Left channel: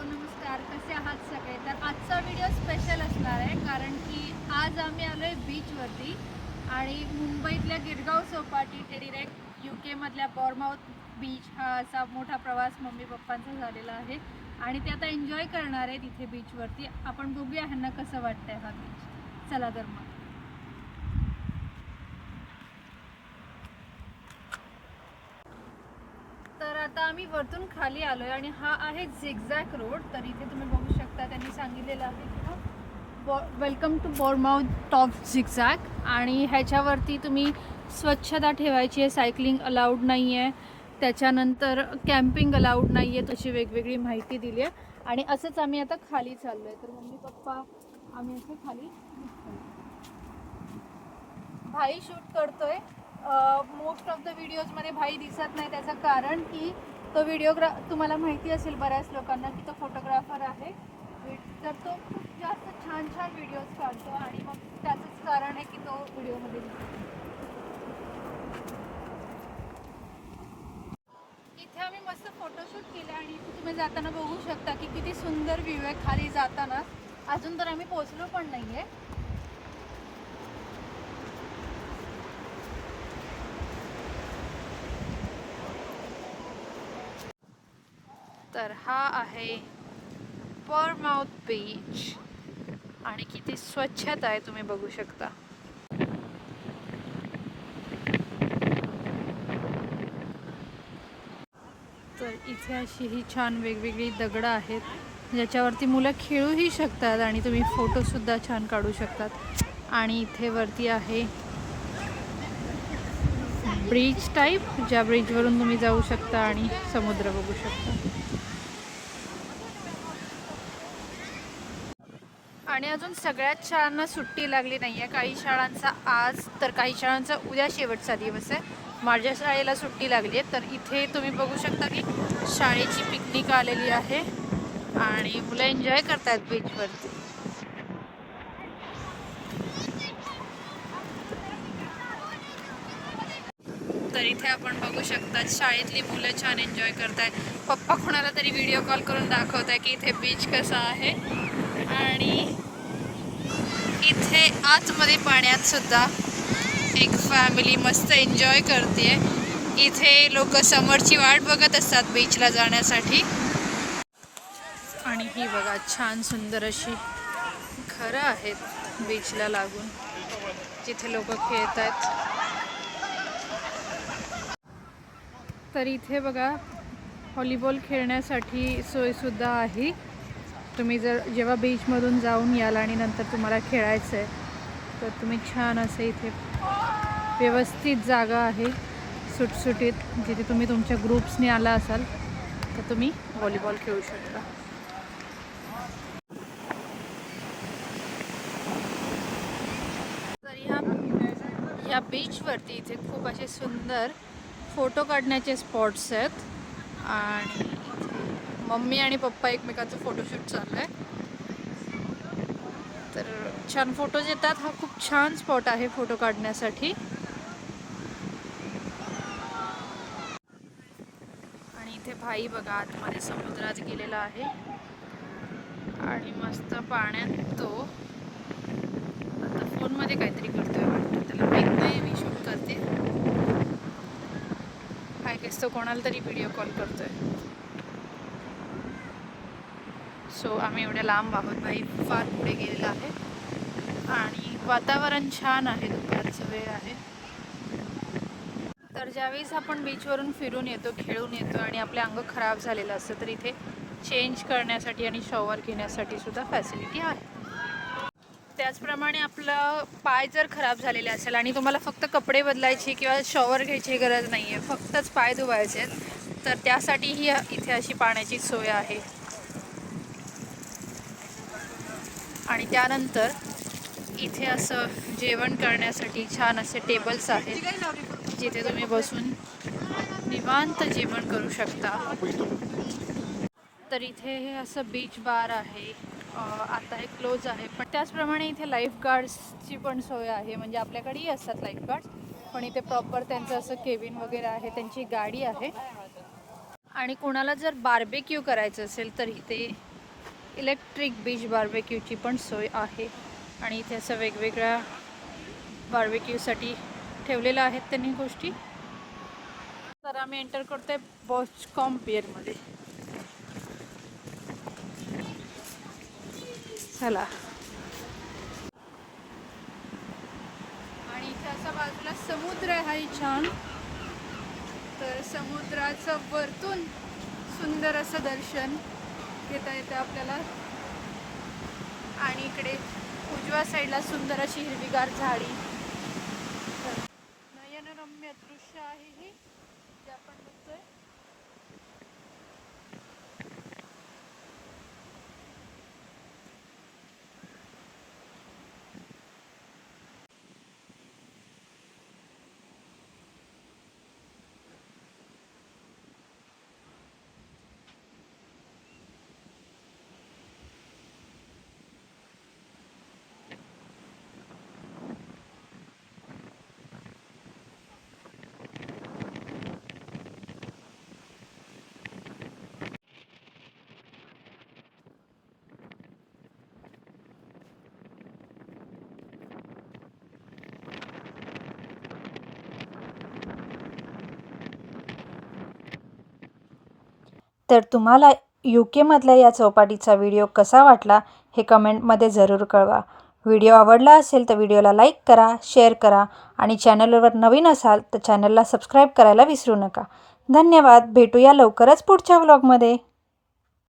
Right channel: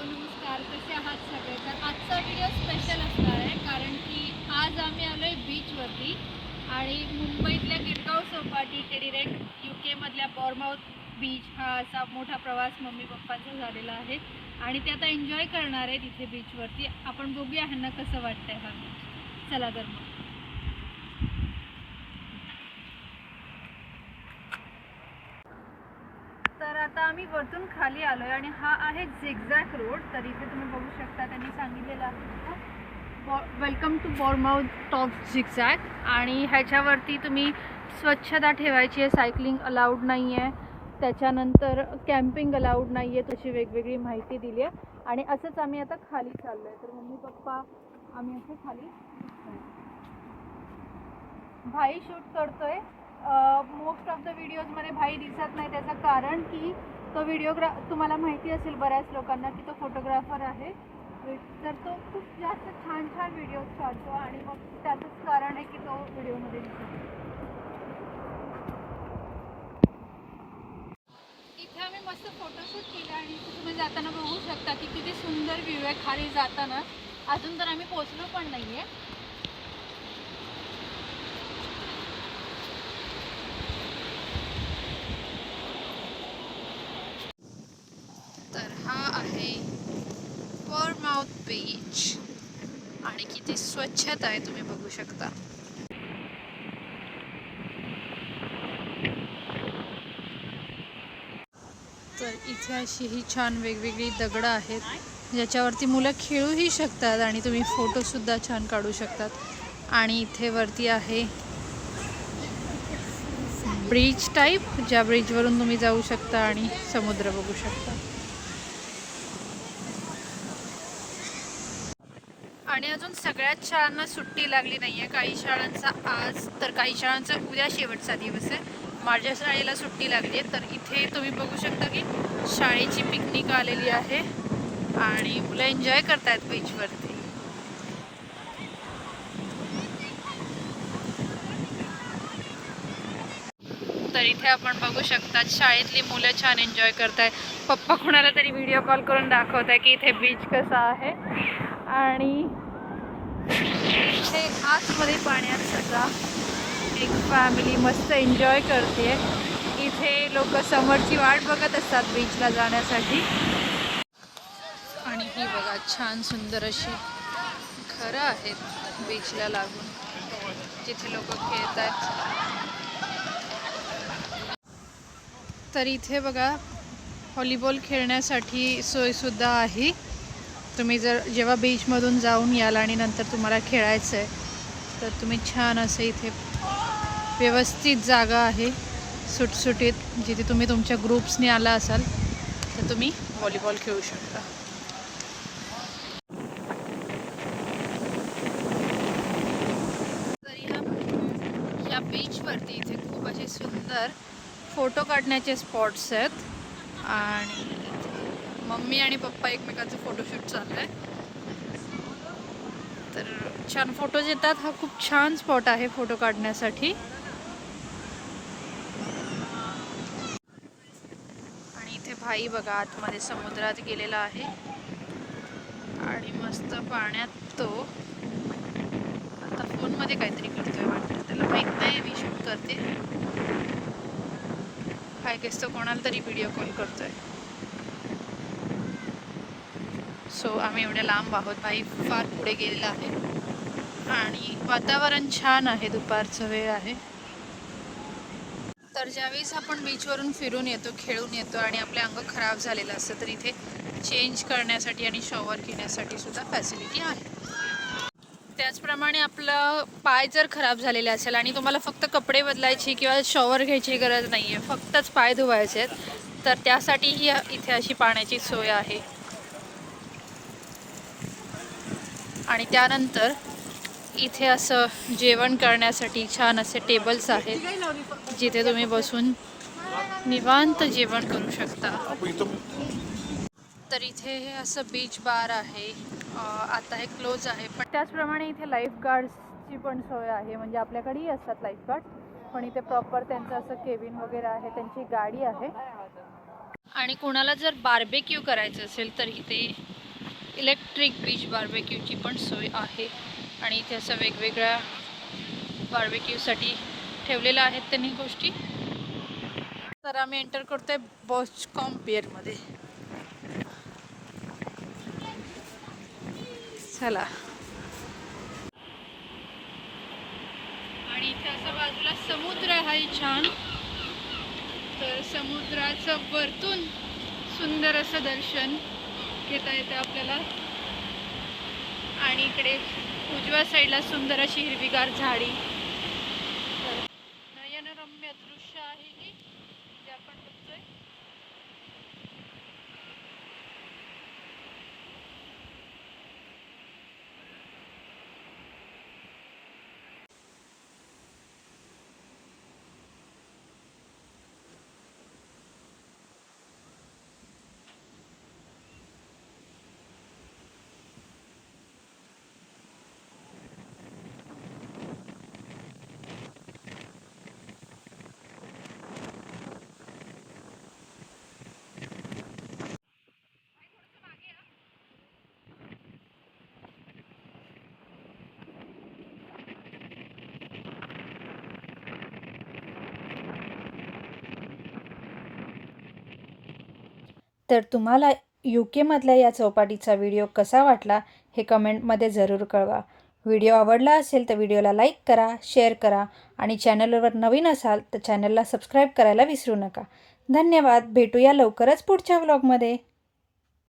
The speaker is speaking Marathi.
नमस्कार कसे आहात सगळे? तर आजचा व्हिडिओ स्पेशल असणार आहे कारण की आज आम्ही आलो आहे बीचवरती आणि मुंबईतल्या गिरगाव चौपाटी ते डिरेक्ट यू केमधल्या बॉर्माउथ बीच हा असा मोठा प्रवास मम्मी पप्पांचा झालेला आहे आणि ते आता एन्जॉय करणार आहे तिथे बीचवरती आपण बघूया ह्यांना कसं वाटतंय हा बीच चला तर मग. आता आम्ही वरतून खाली आलो आहे आणि हा आहे झिगझॅक रोड तर इथे तुम्ही बघू शकता त्यांनी सांगितलेलं आहे welcome to Bournemouth top zigzag आणि ह्याच्यावरती तुम्ही स्वच्छता ठेवायची आहे सायकलिंग अलाउड नाही आहे त्याच्यानंतर कॅम्पिंग अलाउड नाही आहे तशी वेगवेगळी माहिती दिली आहे. आणि असंच आम्ही आता खाली चाललो आहे तर मम्मी पप्पा आम्ही असं खाली भाई शूट करतोय. मोस्ट ऑफ द व्हिडिओजमध्ये भाई दिसत नाही. त्याचं कारण की तो व्हिडिओग्रा तुम्हाला माहिती असेल बऱ्याच लोकांना की तो फोटोग्राफर आहे. तर तो खूप जास्त छान छान व्हिडिओज काढतो आणि मग त्याचंच कारण आहे की तो व्हिडिओमध्ये दिसतो इथे आम्ही मस्त फोटोशूट केलं आणि इथे तुम्ही जाताना बघू शकता की किती सुंदर व्ह्यू आहे खाली जाताना. अजून तर आम्ही पोचलो पण नाही आहे तर हा आहे माउथ बीच आणि किती स्वच्छता आहे तुम्ही बघू शकता. तर इथे अशी ही छान वेगवेगळी दगडं आहेत. ज्याच्यावरती मुलं खेळूही शकतात आणि तुम्ही फोटोसुद्धा छान काढू शकतात. आणि इथे वरती आहे ब्रिज टाईप ज्या ब्रिजवरून तुम्ही जाऊ शकता आणि समुद्र बघू शकता. आणि अजून सगळ्याच शाळांना सुट्टी लागली नाही आहे काही शाळांचा आज तर काही शाळांचा उद्या शेवटचा दिवस आहे. माझ्या शाळेला सुट्टी लागली आहे तर इथे तुम्ही बघू शकता की शाळेची पिकनिक आलेली आहे आणि मुलं एन्जॉय करतायत बीचवरती तर इथे आपण बघू शकता शाळेतली मुलं छान एन्जॉय करतायत. पप्पा कोणाला तरी व्हिडिओ कॉल करून दाखवत आहे की इथे बीच कसा आहे. आणि इथे आतमध्ये पाण्यात सुद्धा एक फॅमिली मस्त एन्जॉय करते इथे लोक समोरची वाट बघत असतात बीचला जाण्यासाठी. आणि ही बघा छान सुंदर अशी घरं आहेत बीचला लागून. जिथे लोक खेळत आहेत तर इथे बघा व्हॉलीबॉल खेळण्यासाठी सोयसुद्धा आहे. तुम्ही जर जेव्हा बीचमधून जाऊन याल आणि नंतर तुम्हाला खेळायचं आहे तर तुम्ही छान असं इथे व्यवस्थित जागा आहे सुटसुटीत जिथे तुम्ही तुमच्या ग्रुप्सने आला असाल तर तुम्ही व्हॉलीबॉल खेळू शकता. या बीचवरती इथे खूप असे सुंदर फोटो काढण्याचे स्पॉट्स आहेत. आणि मम्मी आणि पप्पा एकमेकांचं फोटोशूट चाललं आहे तर छान फोटोज येतात. हा खूप छान स्पॉट आहे फोटो काढण्यासाठी. आणि इथे भाई बघा आतमध्ये समुद्रात गेलेला आहे. आणि मस्त पाण्यात तो आता फोनमध्ये काहीतरी करतोय वाटतं. त्याला माहीत नाही मी शूट करते. काय केस तो कोणाला तरी व्हिडिओ कॉल करतोय. सो आम्ही एवढ्या लांब आहोत. भाई फार पुढे गेलेला आहे. आणि वातावरण छान आहे. दुपारचं वेळ आहे. तर ज्यावेळेस आपण बीचवरून फिरून येतो खेळून येतो आणि आपले अंग खराब झालेलं असतं तर इथे चेंज करण्यासाठी आणि शॉवर घेण्यासाठी सुद्धा फॅसिलिटी आहे. त्याचप्रमाणे आपलं पाय जर खराब झालेले असेल आणि तुम्हाला फक्त कपडे बदलायची किंवा शॉवर घ्यायची गरज नाही आहे फक्तच पाय धुवायचे आहेत तर त्यासाठीही इथे अशी पाण्याची सोय आहे. आणि त्यानंतर इथे असं जेवण करण्यासाठी छान असे टेबल्स आहेत जिथे तुम्ही बसून निवांत जेवण करू शकता. तर इथे हे असं बीच बार आहे. आता हे क्लोज आहे पण त्याचप्रमाणे इथे लाईफ गार्ड्सची पण सोय आहे. म्हणजे आपल्याकडेही असतात लाईफ गार्ड पण इथे प्रॉपर त्यांचं असं केबिन वगैरे आहे त्यांची गाडी आहे. आणि कोणाला जर बार्बेक्यू करायचं असेल तर इथे इलेक्ट्रिक बीच बार्बेक्यूची पण सोय आहे. आणि इथे असं वेगवेगळ्या बार्बेक्यूसाठी ठेवलेल्या आहेत त्यांनी गोष्टी. तर आम्ही एंटर करतोय बॉच कॉम्पियरमध्ये चला. आणि इथे असं बाजूला समुद्र आहे छान. तर समुद्राचं वरतून सुंदर असं दर्शन. घेता येतं आपल्याला. आणि इकडे उजव्या साईडला सुंदर अशी हिरवीगार झाडी. तर नयनरम्य दृश्य आहे हे. जे आपण बघतोय. तर तुम्हाला यू केमधल्या या चौपाटीचा व्हिडिओ कसा वाटला हे कमेंटमध्ये जरूर कळवा. व्हिडिओ आवडला असेल तर व्हिडिओला लाईक करा शेअर करा आणि चॅनलवर नवीन असाल तर चॅनलला सबस्क्राईब करायला विसरू नका. धन्यवाद. भेटूया लवकरच पुढच्या व्लॉगमध्ये.